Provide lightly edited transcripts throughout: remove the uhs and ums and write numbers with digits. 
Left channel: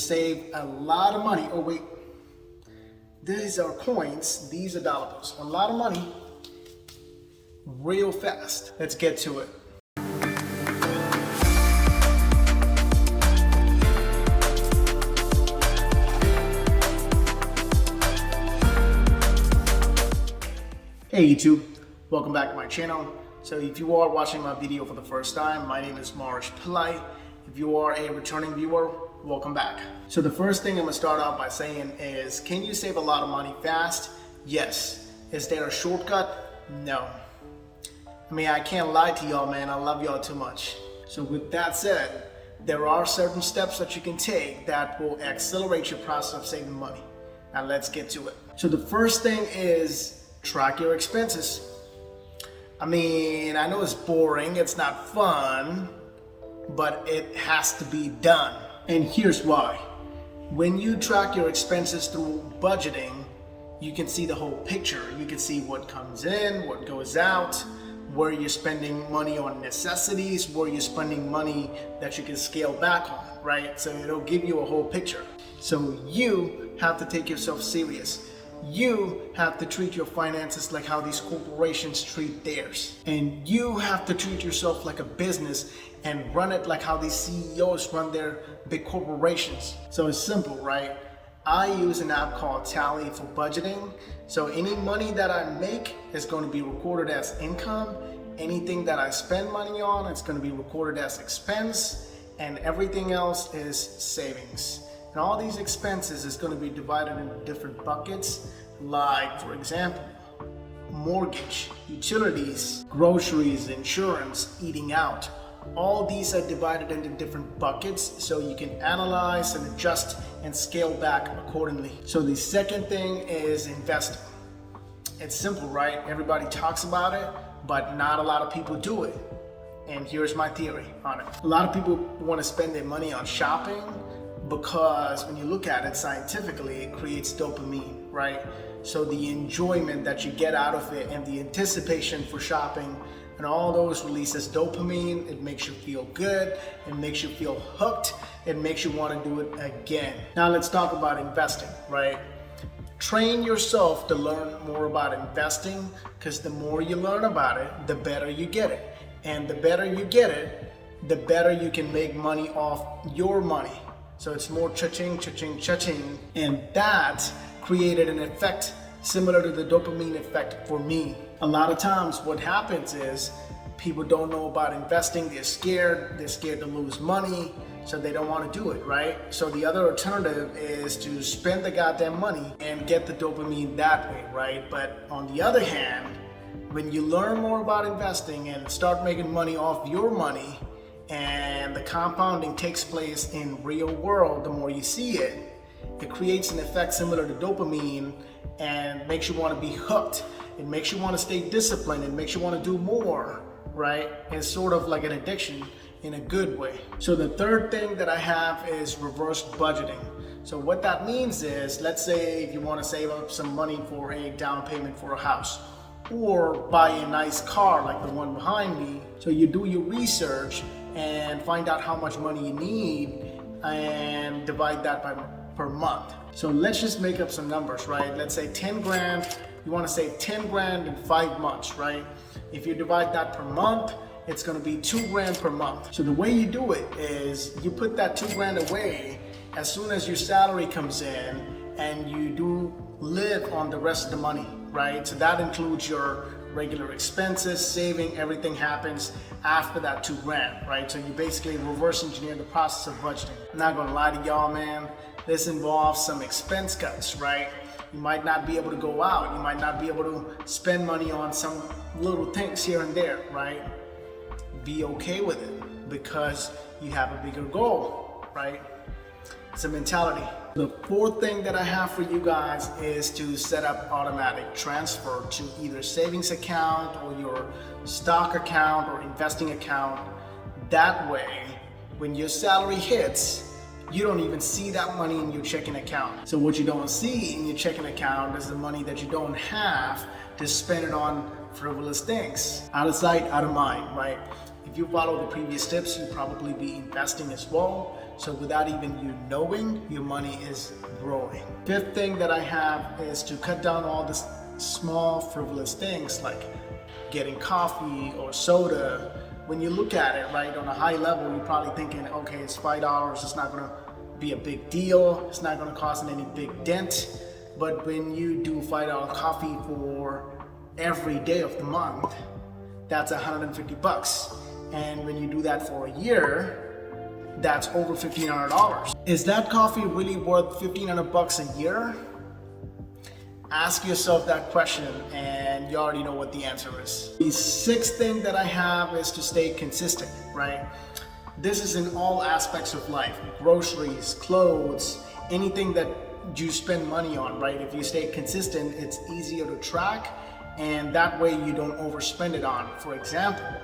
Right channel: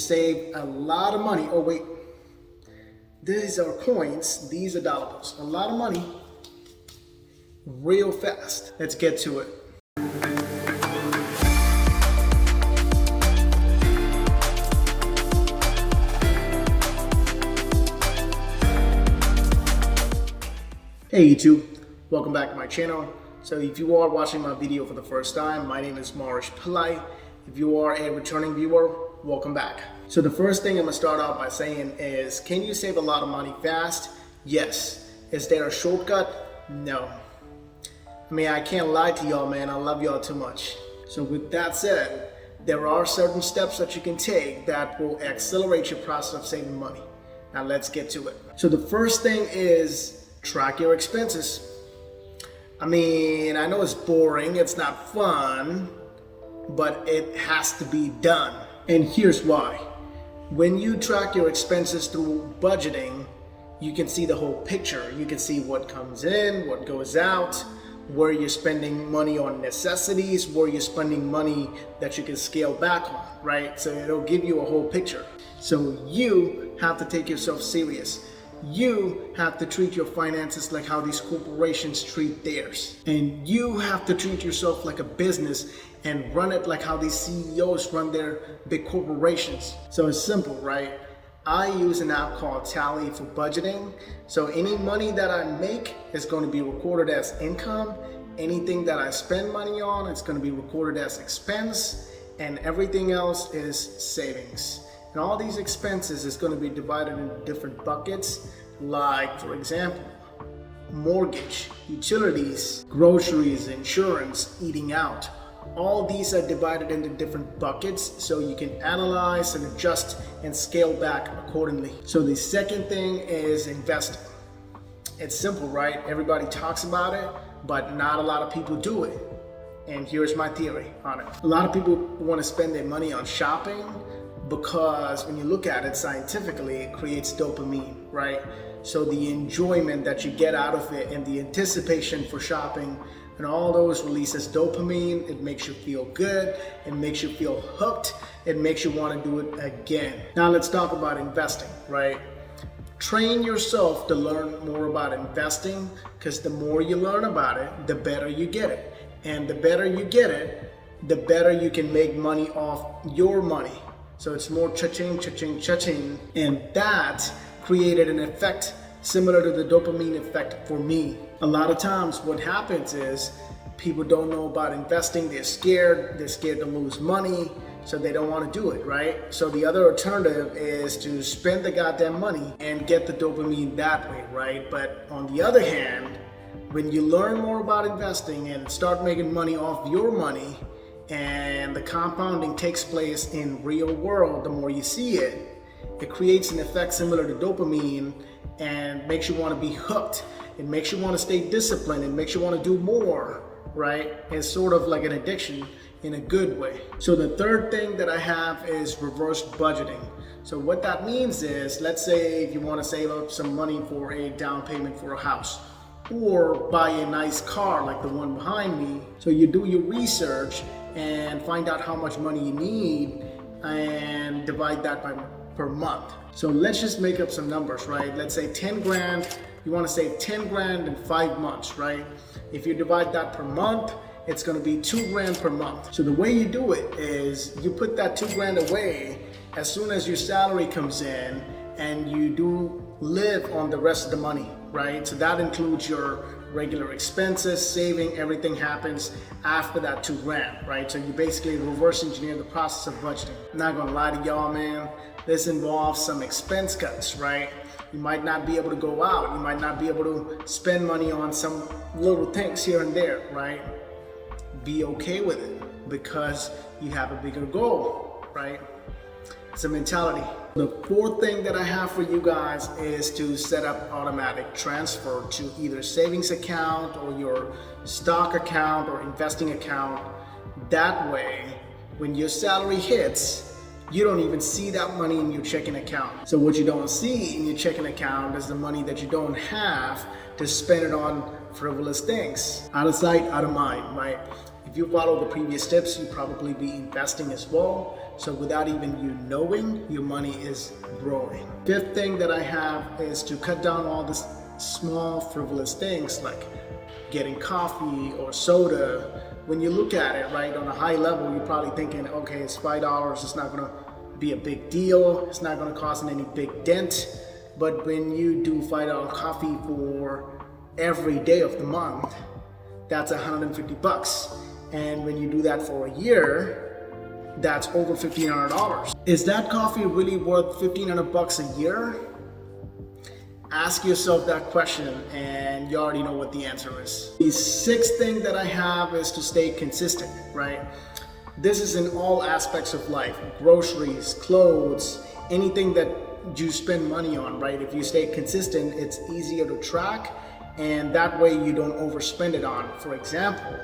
Save a lot of money. Oh wait, these are coins, these are dollars. A lot of money real fast. Let's get to it. Hey YouTube, welcome back to my channel. So if you are watching my video for the first time, my name is Marish Pillai. If you are a returning viewer, welcome back. So the first thing I'm gonna start out by saying is, can you save a lot of money fast? Yes. Is there a shortcut? No. I mean, I can't lie to y'all, man. I love y'all too much. So with that said, there are certain steps that you can take that will accelerate your process of saving money. Now let's get to it. So the first thing is track your expenses. I mean, I know it's boring, it's not fun, but it has to be done. And here's why. When you track your expenses through budgeting, you can see the whole picture. You can see what comes in, what goes out, where you're spending money on necessities, where you're spending money that you can scale back on, right? So it'll give you a whole picture. So you have to take yourself serious. You have to treat your finances like how these corporations treat theirs. And you have to treat yourself like a business and run it like how these CEOs run their big corporations. So it's simple, right? I use an app called Tally for budgeting. So any money that I make is going to be recorded as income. Anything that I spend money on, it's going to be recorded as expense. And everything else is savings. And all these expenses is going to be divided into different buckets, like, for example, mortgage, utilities, groceries, insurance, eating out. All these are divided into different buckets so you can analyze and adjust and scale back accordingly. So the second thing is investing. It's simple, right? Everybody talks about it, but not a lot of people do it. And here's my theory on it. A lot of people want to spend their money on shopping because when you look at it scientifically, it creates dopamine, right? So the enjoyment that you get out of it and the anticipation for shopping and all those releases dopamine. It makes you feel good, it makes you feel hooked, it makes you want to do it again. Now let's talk about investing, right? Train yourself to learn more about investing, because the more you learn about it, the better you get it. And the better you get it, the better you can make money off your money. So it's more cha-ching, cha-ching, cha-ching. And that created an effect similar to the dopamine effect for me. A lot of times what happens is people don't know about investing. They're scared to lose money, so they don't want to do it, right? So the other alternative is to spend the goddamn money and get the dopamine that way, right? But on the other hand, when you learn more about investing and start making money off your money, and the compounding takes place in real world, the more you see it, it creates an effect similar to dopamine and makes you want to be hooked. It makes you want to stay disciplined. It makes you want to do more, right? It's sort of like an addiction in a good way. So the third thing that I have is reverse budgeting. So what that means is, let's say if you want to save up some money for a down payment for a house, or buy a nice car like the one behind me. So you do your research and find out how much money you need and divide that by per month. So let's just make up some numbers, right? Let's say 10 grand, you want to save 10 grand in 5 months, right? If you divide that per month, it's going to be 2 grand per month. So the way you do it is you put that 2 grand away as soon as your salary comes in, and you do live on the rest of the money, right? So that includes your regular expenses, saving, everything happens after that 2 grand, right? So you basically reverse engineer the process of budgeting. I'm not gonna lie to y'all, man. This involves some expense cuts, right? You might not be able to go out. You might not be able to spend money on some little things here and there, right? Be okay with it because you have a bigger goal, right? It's a mentality. The fourth thing that I have for you guys is to set up automatic transfer to either savings account or your stock account or investing account. That way, when your salary hits, you don't even see that money in your checking account. So what you don't see in your checking account is the money that you don't have to spend it on frivolous things. Out of sight, out of mind, right? If you follow the previous tips, you'll probably be investing as well. So without even you knowing, your money is growing. Fifth thing that I have is to cut down all this small frivolous things like getting coffee or soda. When you look at it, right, on a high level, you're probably thinking, okay, it's $5, it's not gonna be a big deal, it's not gonna cause any big dent. But when you do $5 coffee for every day of the month, that's $150. And when you do that for a year, that's over $1,500. Is that coffee really worth $1,500 a year? Ask yourself that question and you already know what the answer is. The sixth thing that I have is to stay consistent, right? This is in all aspects of life, groceries, clothes, anything that you spend money on, right? If you stay consistent, it's easier to track and that way you don't overspend it on. For example,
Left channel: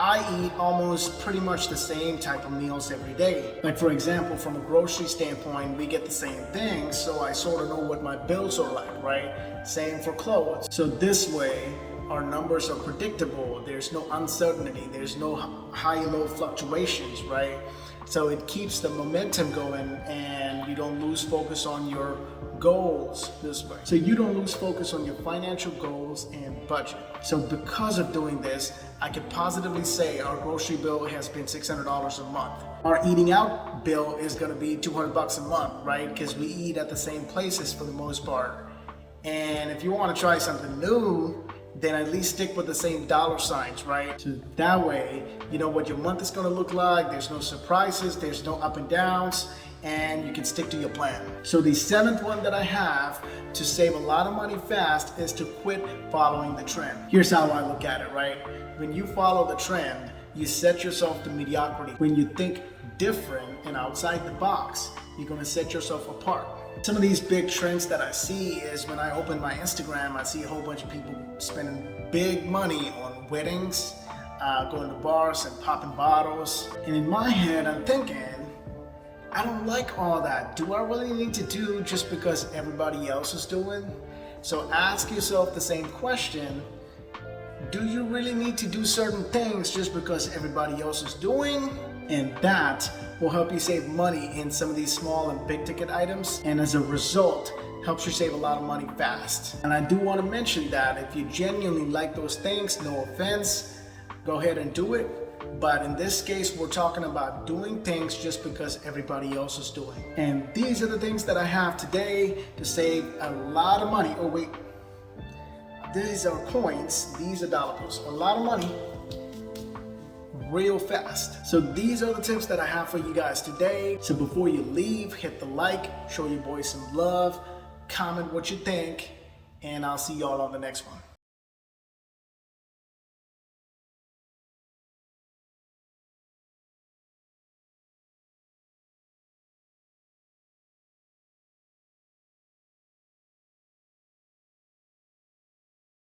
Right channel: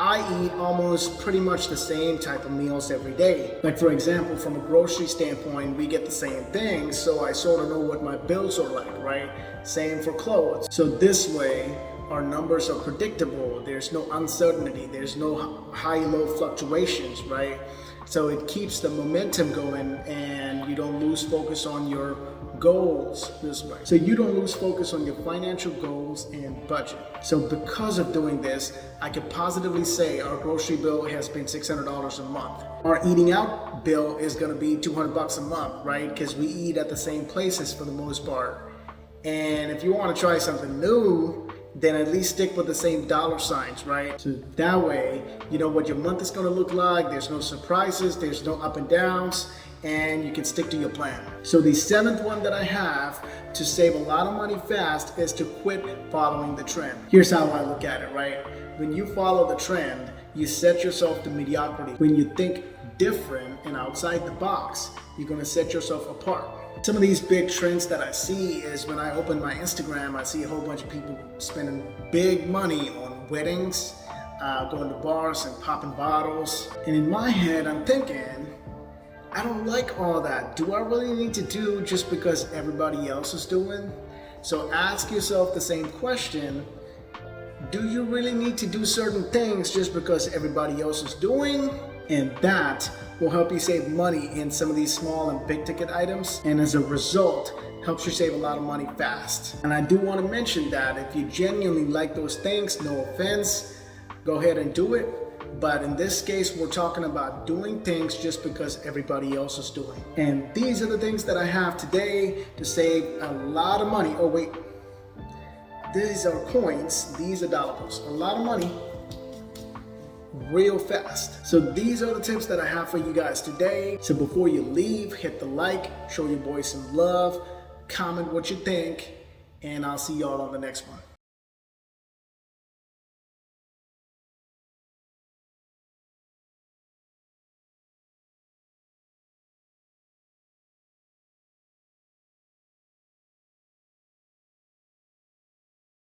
I eat almost pretty much the same type of meals every day. Like for example, from a grocery standpoint, we get the same things, so I sort of know what my bills are like, right? Same for clothes. So this way, our numbers are predictable. There's no uncertainty. There's no high-low fluctuations, right? So it keeps the momentum going and you don't lose focus on your goals this way. So you don't lose focus on your financial goals and budget. So because of doing this, I can positively say our grocery bill has been $600 a month. Our eating out bill is gonna be $200 a month, right? Because we eat at the same places for the most part. And if you wanna try something new, then at least stick with the same dollar signs, right? So that way, you know what your month is gonna look like, there's no surprises, there's no up and downs, and you can stick to your plan. So the seventh one that I have to save a lot of money fast is to quit following the trend. Here's how I look at it, right? When you follow the trend, you set yourself to mediocrity. When you think different and outside the box, you're gonna set yourself apart. Some of these big trends that I see is when I open my Instagram, I see a whole bunch of people spending big money on weddings, going to bars and popping bottles. And in my head, I'm thinking, I don't like all that. Do I really need to do just because everybody else is doing? So ask yourself the same question. Do you really need to do certain things just because everybody else is doing? And that will help you save money in some of these small and big ticket items. And as a result, helps you save a lot of money fast. And I do want to mention that if you genuinely like those things, no offense, go ahead and do it. But in this case, we're talking about doing things just because everybody else is doing. And these are the things that I have today to save a lot of money. Oh wait, these are coins, these are dollars. A lot of money, real fast. So these are the tips that I have for you guys today. So before you leave, hit the like, show your boy some love, comment what you think, and I'll see y'all on the next one.